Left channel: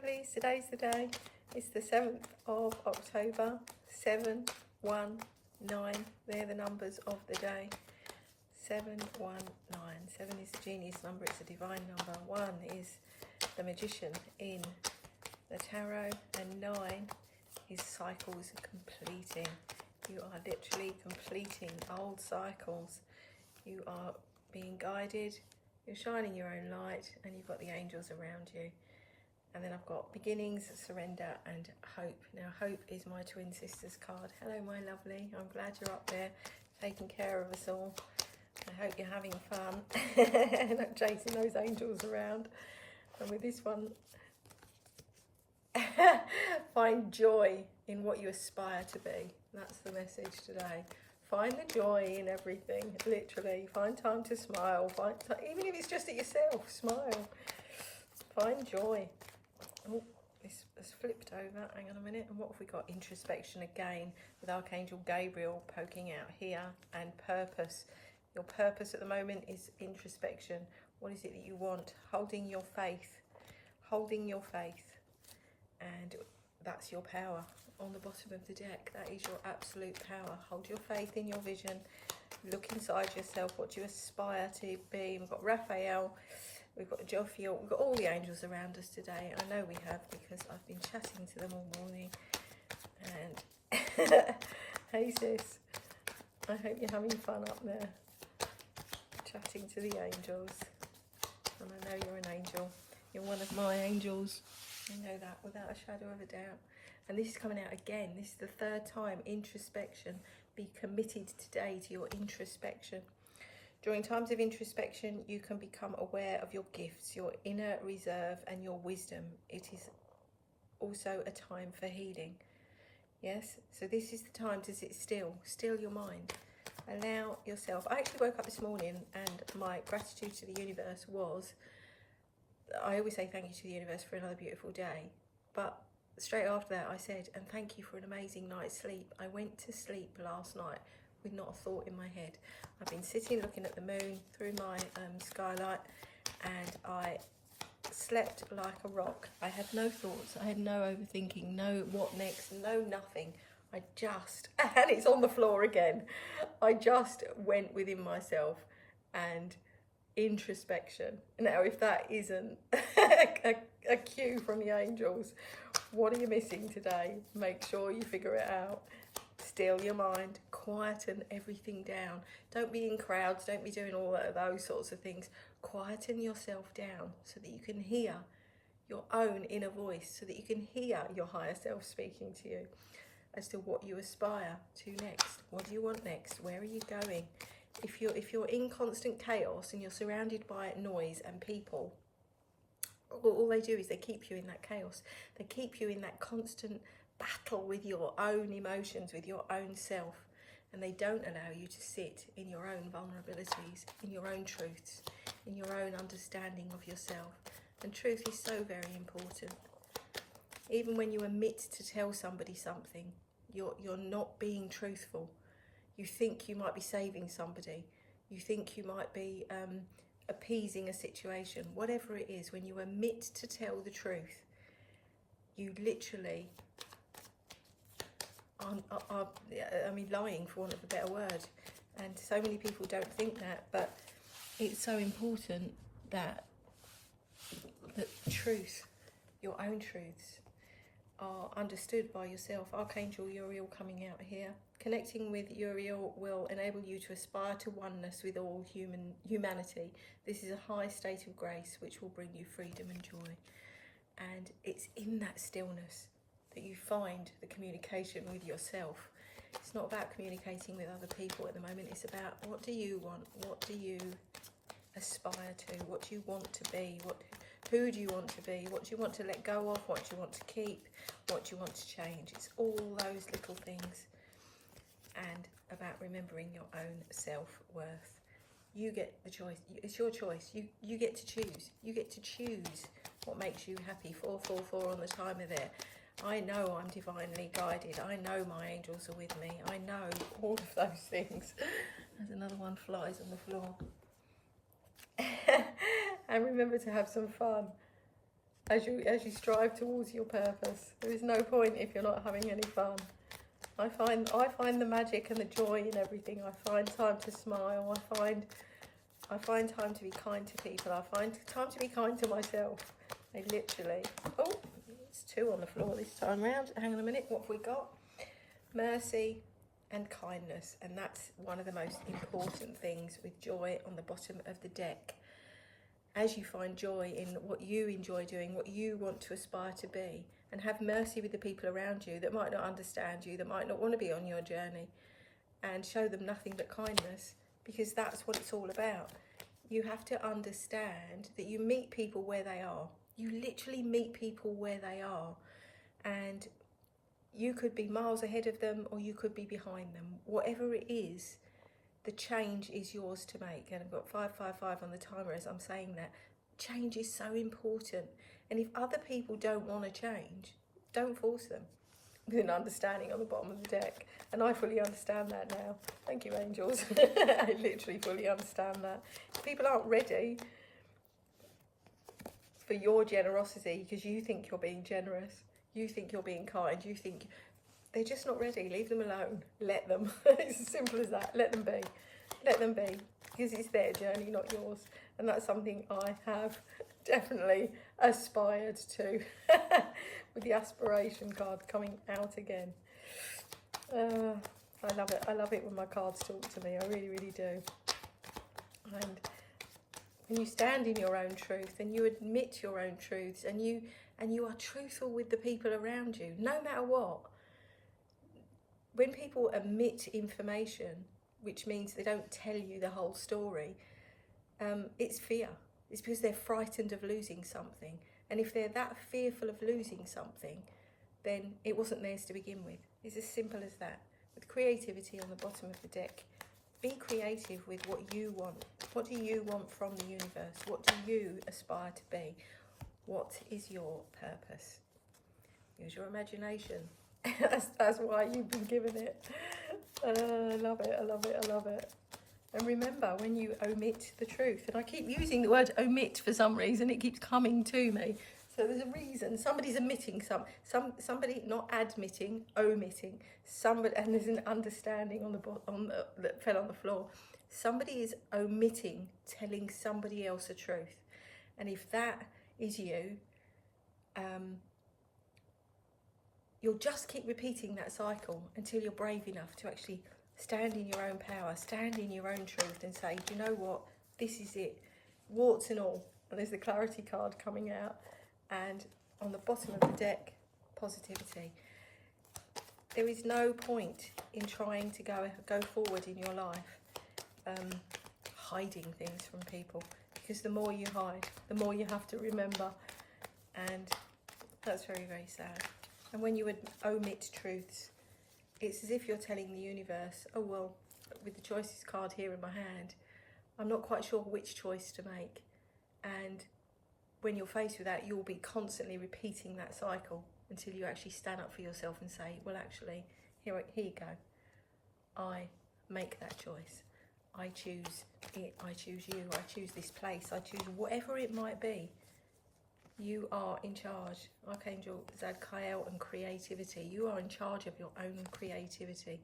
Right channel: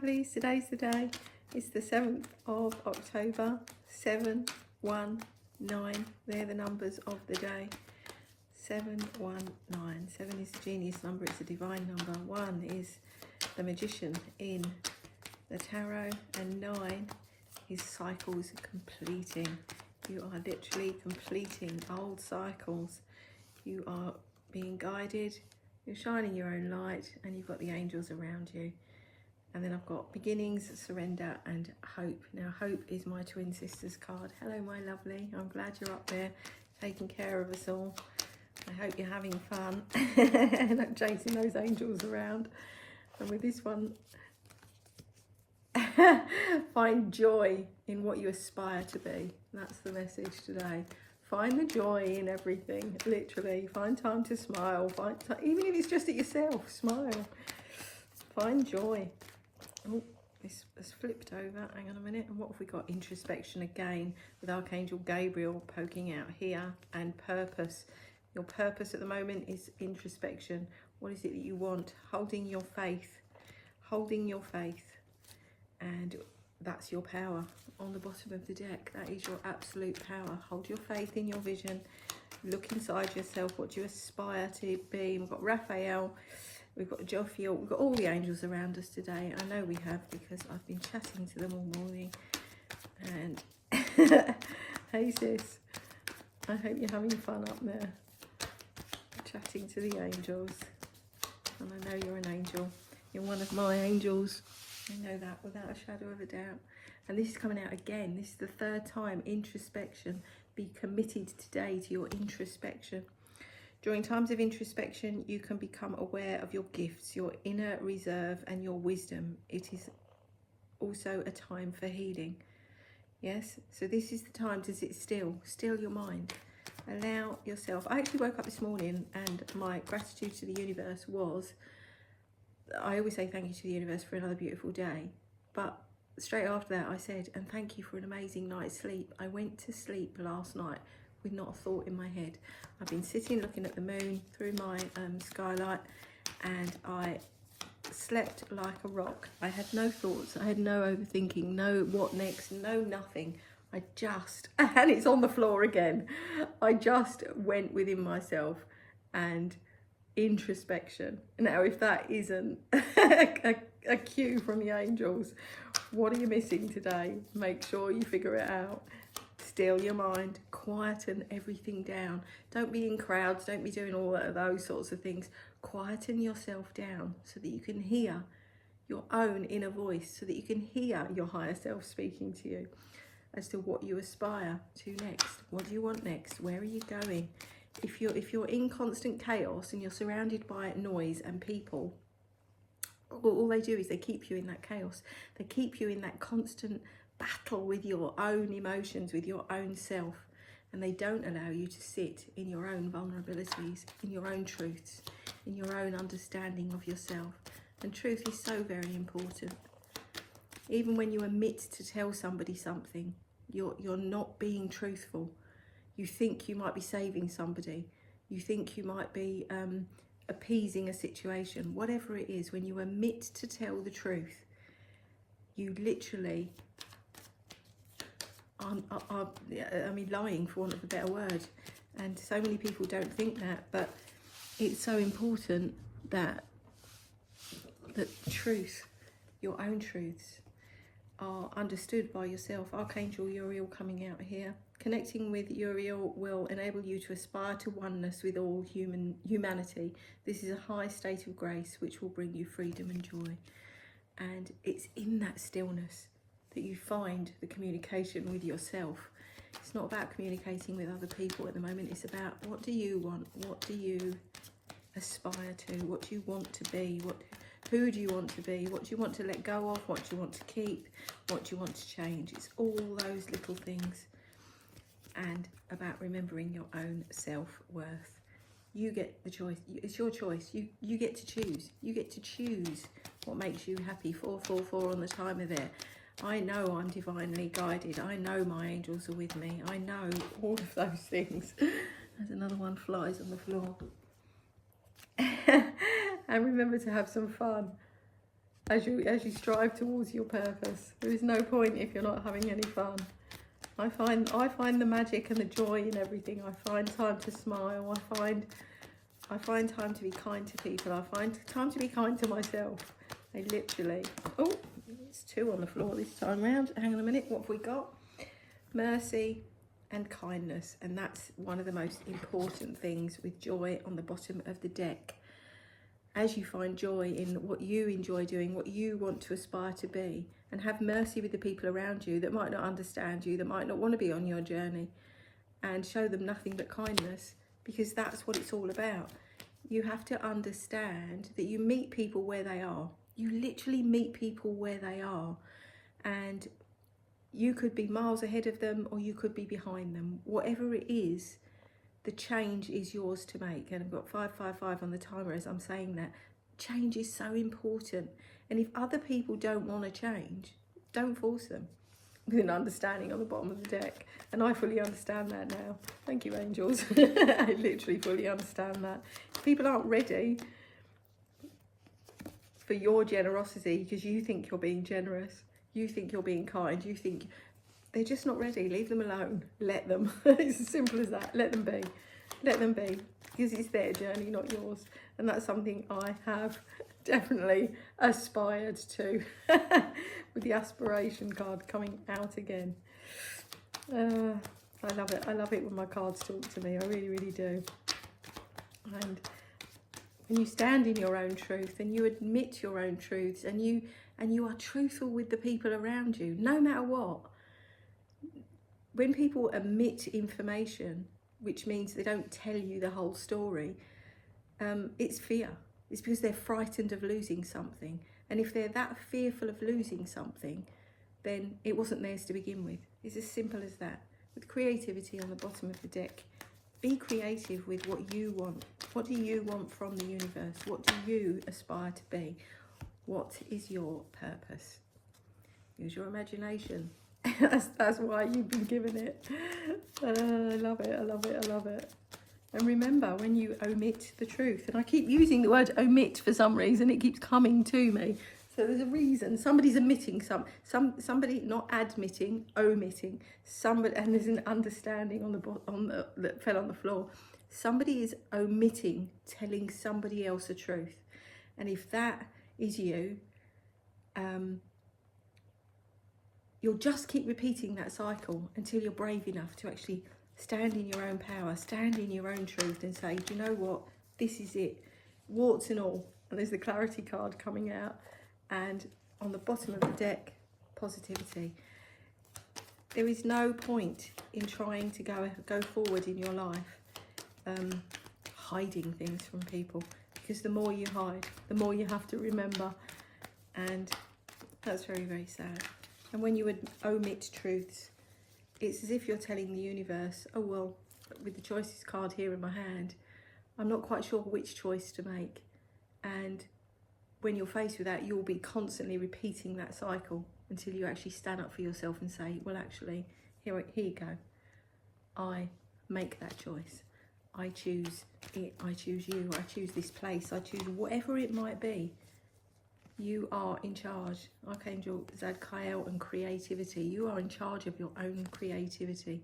lovelies, today's the day. It's the 7th of October, 719. They're the numbers of the day. 719. 7 is the genius number, it's a divine number. 1 is the magician in the tarot, and 9 is cycles completing. You are literally completing old cycles. You are being guided, you're shining your own light, and you've got the angels around you. And then I've got beginnings, surrender, and hope. Now, hope is my twin sister's card. Hello, my lovely. I'm glad you're up there taking care of us all. I hope you're having fun and not chasing those angels around. And with this one, find joy in what you aspire to be. That's the message today. Find the joy in everything, literally. Find time to smile. Even if it's just at yourself, smile. Find joy. Oh, this has flipped over. Hang on a minute. And what have we got? Introspection again, with Archangel Gabriel poking out here, and purpose. Your purpose at the moment is introspection. What is it that you want? Holding your faith. Holding your faith. And that's your power on the bottom of the deck. That is your absolute power. Hold your faith in your vision. Look inside yourself. What do you aspire to be? We've got Raphael. We've got Jophiel. We've got all the angels around us today. I know we have, because I've been chatting to them all morning. And hey sis, I hope you're having fun up there, chatting to the angels. And I know you're an angel. You're one of my angels. I know that without a shadow of a doubt. And this is coming out again. This is the 3rd time. Introspection. Be committed today to your introspection. During times of introspection, you can become aware of your gifts, your inner reserve, and your wisdom. It is also a time for healing. Yes? So this is the time to sit still. Still your mind. Allow yourself. I actually woke up this morning and my gratitude to the universe was, I always say thank you to the universe for another beautiful day. But straight after that I said, and thank you for an amazing night's sleep. I went to sleep last night with not a thought in my head. I've been sitting looking at the moon through my skylight, and I slept like a rock. I had no thoughts, I had no overthinking, no what next, no nothing. I just, and it's on the floor again, I just went within myself and introspection. Now, if that isn't a cue from the angels, what are you missing today? Make sure you figure it out. Still your mind, quieten everything down. Don't be in crowds, don't be doing all of those sorts of things. Quieten yourself down so that you can hear your own inner voice, so that you can hear your higher self speaking to you as to what you aspire to next. What do you want next? Where are you going? If you're in constant chaos and you're surrounded by noise and people, all they do is they keep you in that chaos. They keep you in that constant battle with your own emotions, with your own self, and they don't allow you to sit in your own vulnerabilities, in your own truths, in your own understanding of yourself. And truth is so very important. Even when you admit to tell somebody something, you're not being truthful. You think you might be saving somebody. You think you might be appeasing a situation. Whatever it is, when you admit to tell the truth, you literally I mean, lying, for want of a better word. And so many people don't think that, but it's so important that the truth, your own truths, are understood by yourself. Archangel Uriel coming out here. Connecting with Uriel will enable you to aspire to oneness with all humanity. This is a high state of grace which will bring you freedom and joy. And it's in that stillness that you find the communication with yourself. It's not about communicating with other people at the moment. It's about, what do you want? What do you aspire to? What do you want to be? Who do you want to be? What do you want to let go of? What do you want to keep? What do you want to change? It's all those little things. And about remembering your own self-worth. You get the choice. It's your choice. You get to choose. You get to choose what makes you happy. 444 on the timer there. I know I'm divinely guided. I know my angels are with me. I know all of those things. There's another one flies on the floor. And remember to have some fun. as you strive towards your purpose. There is no point if you're not having any fun. I find the magic and the joy in everything. I find time to smile. I find time to be kind to people. I find time to be kind to myself. I literally, oh, it's 2 on the floor this time round. Hang on a minute, what have we got? Mercy and kindness. And that's one of the most important things with joy on the bottom of the deck. As you find joy in what you enjoy doing, what you want to aspire to be, and have mercy with the people around you that might not understand you, that might not want to be on your journey, and show them nothing but kindness, because that's what it's all about. You have to understand that you meet people where they are. You literally meet people where they are, and you could be miles ahead of them or you could be behind them. Whatever it is, the change is yours to make. And I've got 555 on the timer as I'm saying that. Change is so important. And if other people don't want to change, don't force them. With an understanding on the bottom of the deck. And I fully understand that now. Thank you, angels. I literally fully understand that. If people aren't ready for your generosity because you think you're being generous, you think you're being kind, you think they're just not ready, leave them alone. Let them. It's as simple as that. Let them be. Let them be. Because it's their journey, not yours. And that's something I have definitely aspired to. With the aspiration card coming out again. I love it. I love it when my cards talk to me. I really, really do. And when you stand in your own truth and you admit your own truths and you are truthful with the people around you, no matter what. When people omit information, which means they don't tell you the whole story, it's fear. It's because they're frightened of losing something. And if they're that fearful of losing something, then it wasn't theirs to begin with. It's as simple as that. With creativity on the bottom of the deck, be creative with what you want. What do you want from the universe? What do you aspire to be? What is your purpose? Use your imagination. That's why you've been given it. I love it, I love it, I love it. And remember, when you omit the truth, and I keep using the word omit for some reason, it keeps coming to me. So there's a reason. Somebody's omitting somebody not admitting, omitting. Somebody, and there's an understanding that fell on the floor. Somebody is omitting telling somebody else a truth. And if that is you, you'll just keep repeating that cycle until you're brave enough to actually stand in your own power, stand in your own truth and say, do you know what? This is it. Warts and all. And there's the clarity card coming out. And on the bottom of the deck, positivity. There is no point in trying to go forward in your life hiding things from people. Because the more you hide, the more you have to remember. And that's very, very sad. And when you would omit truths, it's as if you're telling the universe, oh, well, with the choices card here in my hand, I'm not quite sure which choice to make. And when you're faced with that, you'll be constantly repeating that cycle until you actually stand up for yourself and say, well, actually, here you go. I make that choice. I choose it. I choose you. I choose this place. I choose whatever it might be. You are in charge. Archangel Zadkiel and creativity. You are in charge of your own creativity.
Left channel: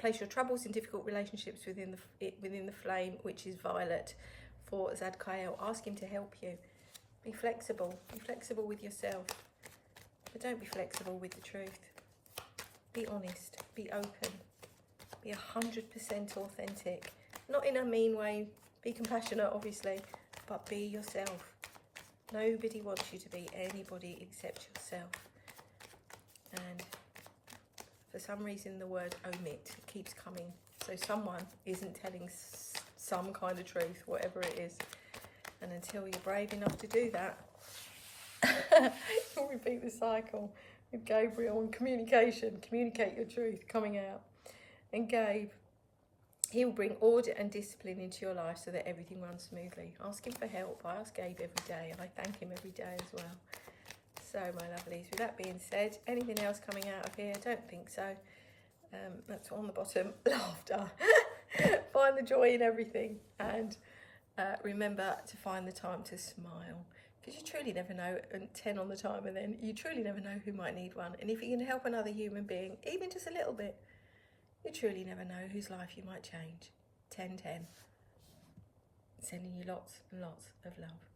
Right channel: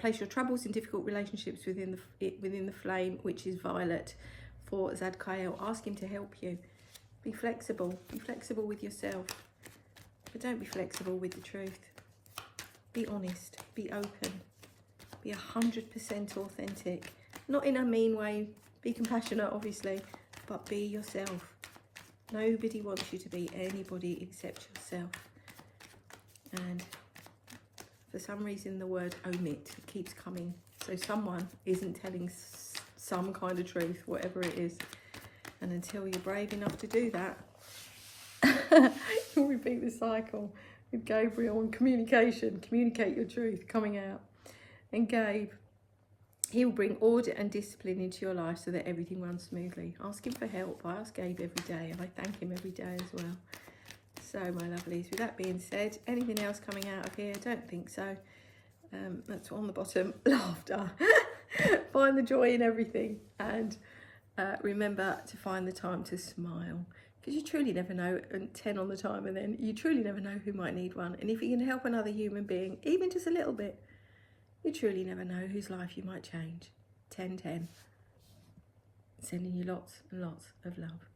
Place your troubles and difficult relationships within the flame, which is violet, for Zadkiel. Ask him to help you. Be flexible. Be flexible with yourself. But don't be flexible with the truth. Be honest. Be open. Be 100% authentic. Not in a mean way. Be compassionate, obviously. But be yourself. Nobody wants you to be anybody except yourself. And for some reason the word omit keeps coming. So someone isn't telling some kind of truth, whatever it is. And until you're brave enough to do that, you'll repeat the cycle with Gabriel and communication. Communicate your truth coming out. And Gabe, he will bring order and discipline into your life so that everything runs smoothly. Ask him for help. I ask Gabe every day and I thank him every day as well. So, my lovelies, with that being said, anything else coming out of here? I don't think so. That's on the bottom. Laughter. Find the joy in everything. And remember to find the time to smile, because you truly never know, and 10 on the timer then, you truly never know who might need one. And if you can help another human being, even just a little bit, you truly never know whose life you might change. 10-10. Sending you lots and lots of love.